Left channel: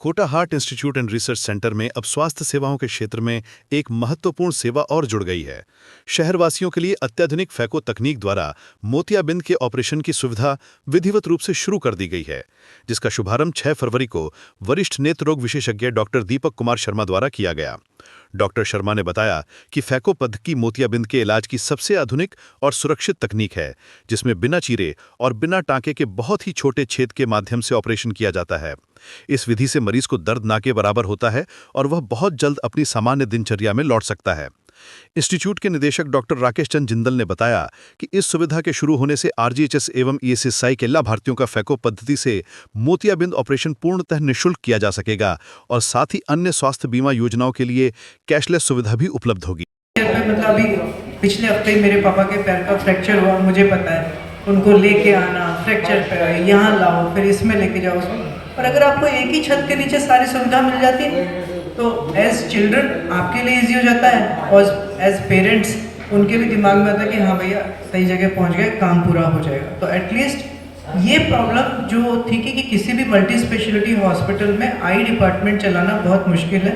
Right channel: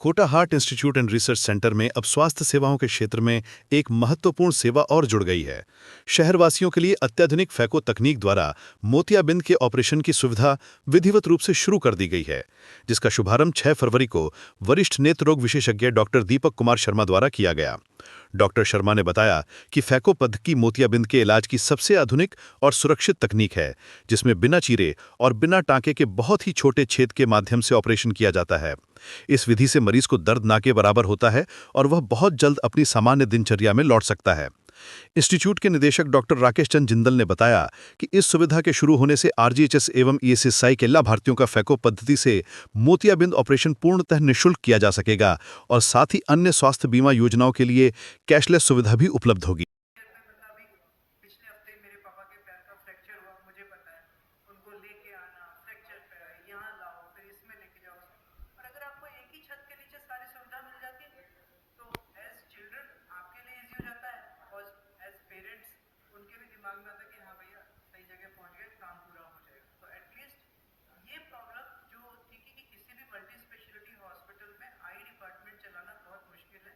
Kota heart institute and research centre में अब स्वास्थ्य सेवाओं के क्षेत्र में एक महत्वपूर्ण सेवा और जुड़ गई है। शहरवासियों के लिए अत्याधुनिक फैको तकनीक द्वारा मोतियाबिंद के ऑपरेशन की सुविधा विधिवत रूप से शुरू कर दी गई है, जिसका शुभारंभ 6 फरवरी को वरिष्ठ नेत्र रोग विशेषज्ञ डॉक्टर दीपक कुमार शर्मा द्वारा किया गया। डॉक्टर शर्मा ने बताया कि फैको पद्धति मोतियाबिंद के इलाज की सबसे आधुनिक और सुरक्षित तकनीक है, जिसमें बिना चीरे और बिना टांके के बहुत ही छोटे छेद के माध्यम से ऑपरेशन किया जाता है। इस विधि से मरीज को दर्द ना के बराबर होता है और वह बहुत जल्द अपनी सामान्य दिनचर्या में लौट सकता है। इंस्टीट्यूट के निदेशक डॉक्टर राकेश चंद जिंदल ने बताया कि इस सुविधा के शुरू होने से आरजीएचएस एवं ईएसएसआई के लाभार्थियों का फैको पद्धति से मोतियाबिंद ऑपरेशन पूर्णतः निःशुल्क किया जा सकेगा और साथ ही अन्य स्वास्थ्य बीमा योजनाओं के लिए कैशलेस सुविधा भी उपलब्ध होगी। मतलब अभी पिछले हफ्ते ही मेरे पापा के पैर का फ्रैक्चर हुआ, मुझे पता है, उनको लेके आना, फ्रैक्चर पे यहाँ लाओ, फिर इसमें लेके जाओ। और अगर आपको एक ही छत के नीचे सारी सुविधा मिल जाती है तो एज चिल्ड्रन आपके लिए इजी हो जाता है और एज पेरेंट्स उनके भी दिमाग में आता है कि हाँ भैया सही जगह पहुंच गए, काम पूरा हो जाएगा। तो एटलीस्ट ये प्रॉब्लम जो थी कि किसी भी मल्टी स्पेशलिटी हॉस्पिटल में आई डिपार्टमेंट चलाना बहुत मुश्किल है।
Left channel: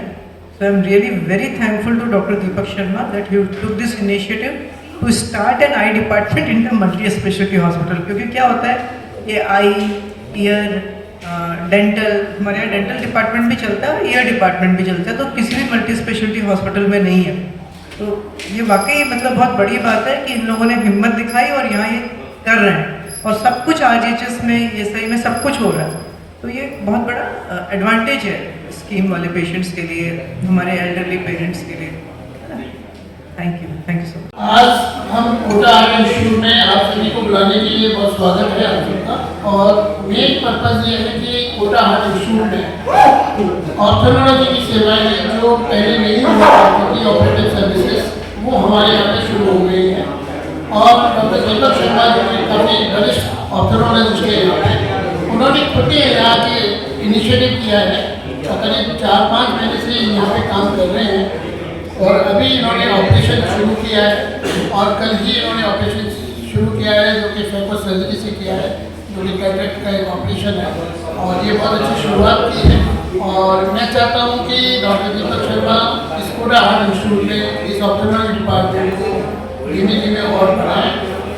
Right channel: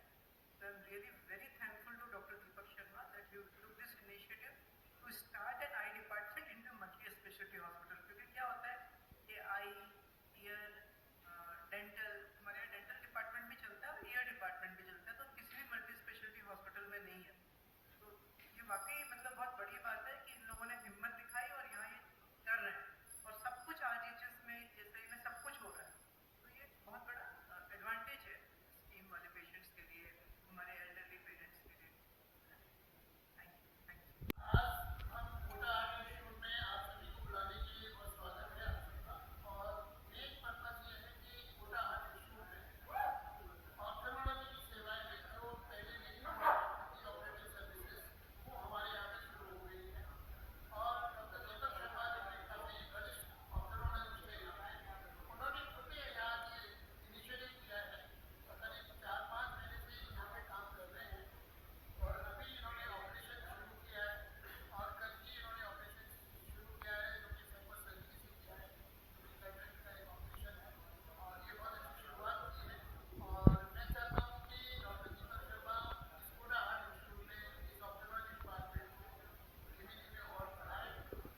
So I am really very thankful to doctor Deepak Sharma that he took this initiative to start an eye department in the multi specialty hospital. क्योंकि क्या होता है, ये आई, ईयर, डेंटल, हमारे यहाँ डेंटल डिपार्टमेंट भी चलता है और ईयर डिपार्टमेंट भी चलता है, तो किसी भी मल्टी स्पेशलिटी हॉस्पिटल में नहीं है। तो ये वाकई मतलब बहुत बड़ी बात है कि इन लोगों ने हिम्मत दिखाई और यहाँ ये कर रहे हैं और सब कुछ आरजीएचएस में, ये सही में सब कुछ हो रहा है। तो ये बहुत बड़ा एडवांटेज है स्कीम वाले पेशेंट्स के लिए, हमारे एल्डरली पेरेंट्स के लिए। Thank you so much. आज हम कोटा हार्ट इंस्टीट्यूट में आप सभी को बुलाने के लिए बहुत स्वागत है आप सबका। और मेन पर्पज ये है कि कोटा हार्ट इंस्टीट्यूट में ऑर्थोलॉजी की सेवाएं जो पहले नहीं हुआ करती थी, ऑपरेटिव सर्विसेज, वो हमारे यहाँ पे शुरू हो गई हैं। और डॉक्टर दीपक शर्मा जो कि काफ़ी वरिष्ठ ऑर्थोलॉजिस्ट के यहाँ पे, उन्होंने खुद ही यहाँ के इनिशिएटिव किया है और करीब 4-5 महीने से यहाँ पे काम कर रहे हैं। और अभी इन्होंने ऑपरेशन शुरू किया है और कल ही इन्होंने ऑपरेशन शुरू किया है जो कि फैको सर्जरी से किया है, जो कि कैटरेक्ट का एक ऑपरेशन है और ये बहुत अच्छी शुरुआत की है। और मैं चाहता हूँ कि डॉक्टर दीपक शर्मा इस कोटा हार्ट इंस्टीट्यूट में इस ऑर्थोलॉजी डिपार्टमेंट को धीमे धीमे और बढ़ाएं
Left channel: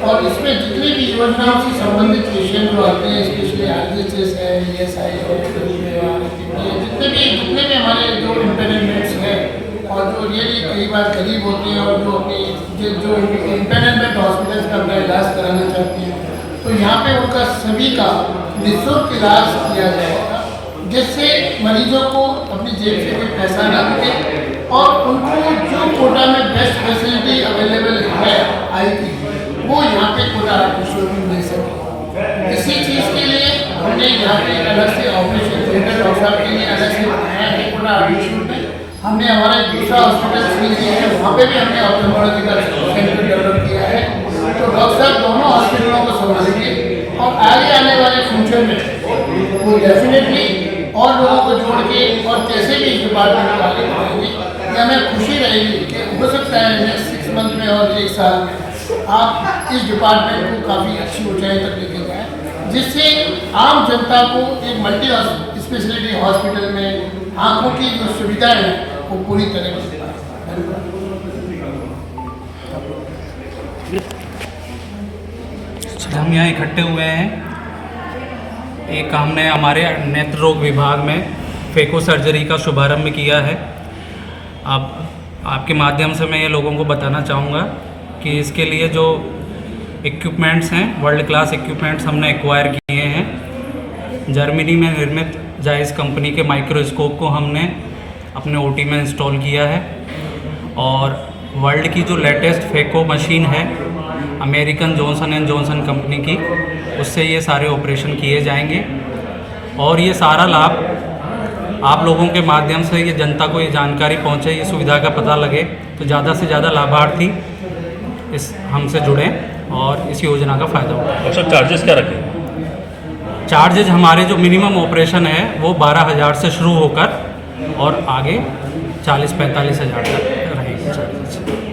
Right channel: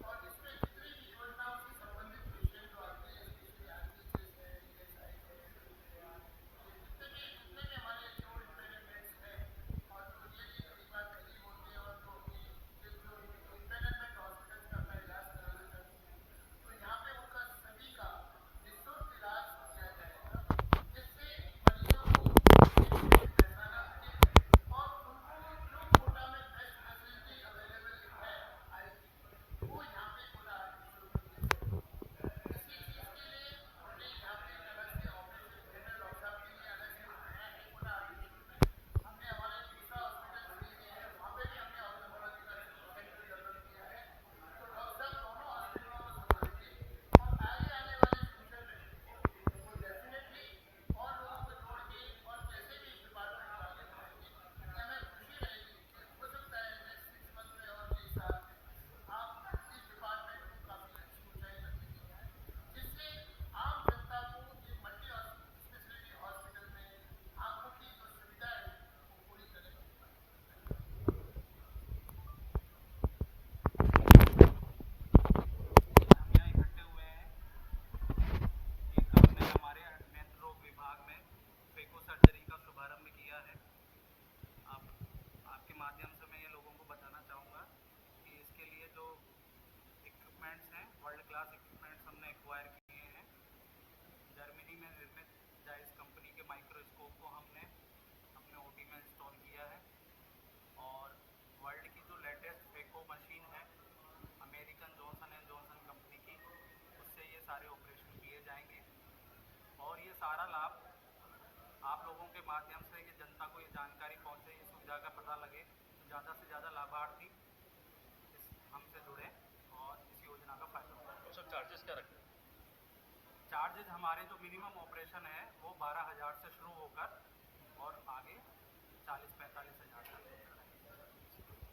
और इसमें जितनी भी योजनाओं से संबंधित पेशेंट जो आते हैं, स्पेशली आरजीएचएस है, ईएसआई जितने भी हमारे जो इंटरनेट्स हैं और जो रियली कई बार गरीब होते हैं और जो अपनी जो इंटरनेट हॉस्पिटल्स का अपना इलाज कराना चाहते हैं, तो यहाँ पे उनका सभी का निःशुल्क इलाज किया जाएगा, जिससे मरीजों को अपनी जेब से कोई पैसा ना लगे और उनको जो कोटा में बेस्ट फैसिलिटी अवेलेबल है आई की, वो यहाँ पे कोटा हार्ट इंस्टीट्यूट में मिल सके। इसी चीज़ के लिए हमने यहाँ पे एक अलग से ऑपरेशन थिएटर डॉक्टर साहब के लिए अलग से बनाया है कोटा हार्ट इंस्टीट्यूट में। हमने हमारा दूसरा हॉस्पिटल सील किया है, वहाँ पे भी हमने ऑर्थोलॉजी का सेंटर डेवलप किया है। तो डॉक्टर साहब दोनों हॉस्पिटलों को संभालेंगे और आगे आने वाले फ्यूचर में वो डेफिनेटली और लोगों को जोड़ के और कैसे भी इस डिपार्टमेंट को आगे बढ़ाएंगे। ये हमें खुशी रहेगी कि हो सकता है नेक्स्ट 6 मंथ में और 1 साल में आप इस डिपार्टमेंट को काफ़ी अच्छी ऊंचाई तक लेके जाएँ, जिससे आम जनता को एक मल्टी स्पेशलिटी हॉस्पिटल में आँखों की जो सुविधाएँ हैं वो पूरी तरह से। हम यहाँ इकट्ठे हुए हैं, एक हमने हमारे नेत्र रोग विभाग में फैको सर्जरी का शुभारंभ किया है। अब आपके माध्यम से मैं ये लोगों को बताना चाहूँगा कि इसके लिए जो इक्विपमेंट्स हैं, वर्ल्ड क्लास इक्विपमेंट्स हमने एक्वायर किए हैं। जर्मनी में निर्मित जायज़ कंपनी के माइक्रोस्कोप को हमने अपने ओटी में इंस्टॉल किया है और वर्ल्ड की जो लेटेस्ट फैको मशीन है American Johnson and Johnson company की, उससे ये सारे ऑपरेशन किए जाएंगे। और ये सारा लाभ आप लोगों के माध्यम से ये जनता को ये जानकारी पहुंचे, ये सुविधा का पता लगे, तो ज़्यादा से ज़्यादा लाभार्थी इस हमसे जुड़ें और इस योजना का फ़ायदा उठाएं। अच्छा, चार्जेस क्या रखें? चार्जेज हमारे जो मिनिमम ऑपरेशन है वो 12,000 से शुरू होकर और आगे 40-45 हज़ार तक रहेंगे चार्जेस।